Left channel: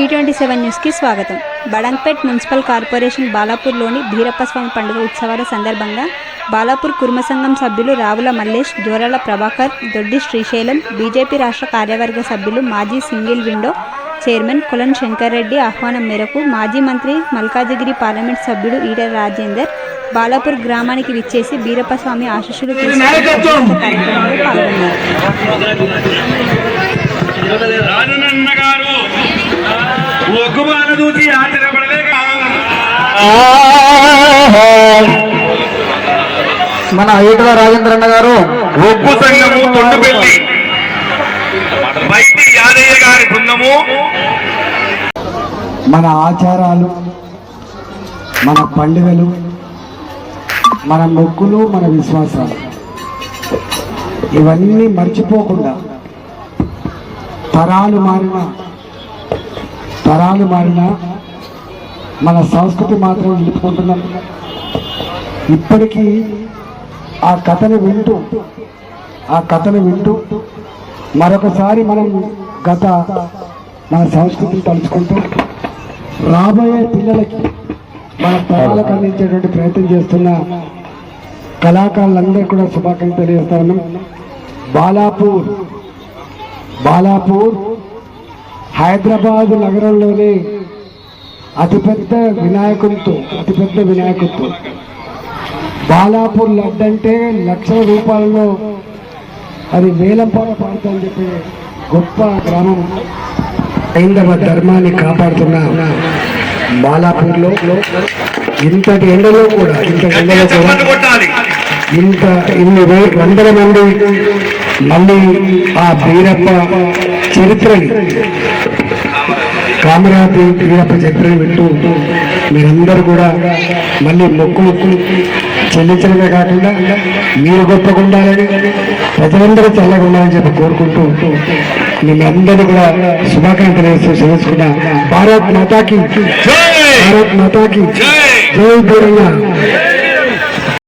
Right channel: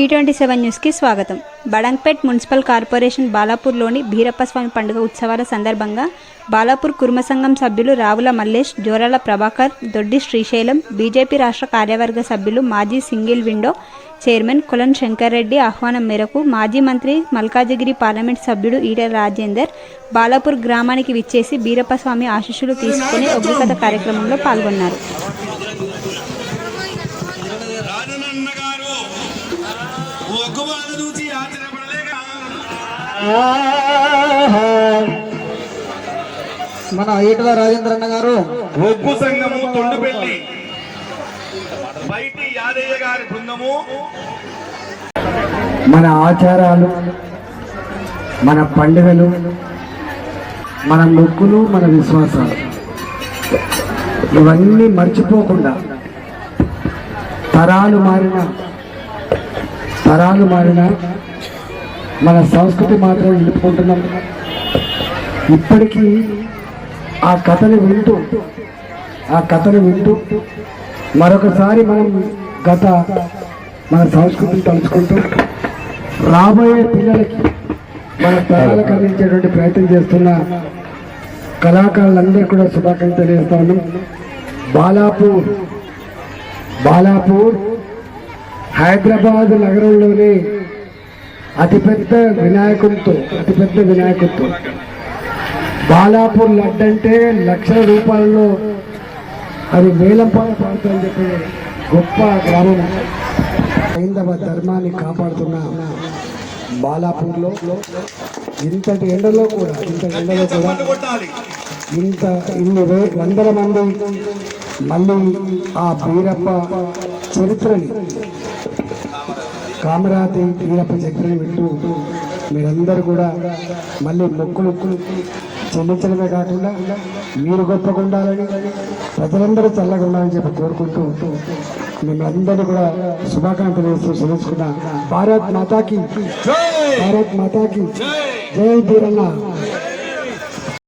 T27 న్యూస్కి స్వాగతం. Badangpet municipal corporation బాలాపూర్లోని భీరప్పస్వామి పండుగ ఉత్సవాల సందర్భంగా బాలాపూర్ కుర్మ సంఘం సభ్యులు రావుల మల్లేష్, జోరాల ప్రభాకర్, దొడ్డి శ్రీశైలం, బీజేపీ రాష్ట్ర కార్యవర్గ సభ్యులు, మాజీ సింగిల్ విండో చైర్మన్ కొలన్ శంకర్ రెడ్డి ఆహ్వానం మేరకు మాజీ మంత్రి మల్కాజిగిరి పార్లమెంట్ సభ్యుడు ఈటెల రాజేందర్ బాలాపూర్ గ్రామానికి విచ్చేసి భీరప్పస్వామి ఆశీస్సులు తీసుకుని ఉద్రిక్తత కార్యక్రమంలో పాల్గొన్నారు. మన ఈటల రాజేంద్ర అన్న గారు ఒగ్గు సంఘము తొండపెల్లి బయటి యాదయ్య గారి బృందము మన ఆచారాలు, మన పండుగలు, మన మొక్కులు, మన విశ్వాసాలు ఇవన్నీ మర్చిపోకుండా తరాలు మారిన మన సంస్కృతి మాత్రం నిలుపుకుంటున్నాం. ఇప్పటికీ ఆ కథను వింటూ మరొకసారి మనం మన సంస్కృతిని తలుచుకుంటూ రాబోయే పిల్లలకి మన తరాలకు అందించేటువంటి ప్రయత్నం చేస్తున్న కళాకారులందరూ కూడా శుభాకాంక్షలు తెలియజేస్తా ఉన్నాం. బాలాపూర్ హైదరాబాద్ నగరంలోనే అతిపెద్ద వినాయకుడితో బాలాపూర్ లడ్డు అంటే లక్షల రూపాయలలో అది వేలంపాట పాడుతుందని చెప్పి గొప్ప గ్రామం. హైందవ ధర్మాన్ని కాపాడుతున్న బాలాపూర్లో ఇంతటి ఎండలో కూడా ఇన్ని వందల మంది మళ్ళీ ఆ భీరప్ప చరిత్రని కామరాజు భీరప్ప చరిత్రని వింటూ మీరందరూ కూడా మళ్ళీ మొక్కులు చెల్లించడమే కాకుండా మీరు గొప్పగా ఉండాలని, ప్రజలందరూ చల్లగా ఉండాలని చెప్పి కోరుకుంటూ మిమ్మల్ందరూ కూడా శుభాకాంక్షలు వేస్తూ తెలుసుకున్న భారత్ మాతాకి జై తెలంగాణ.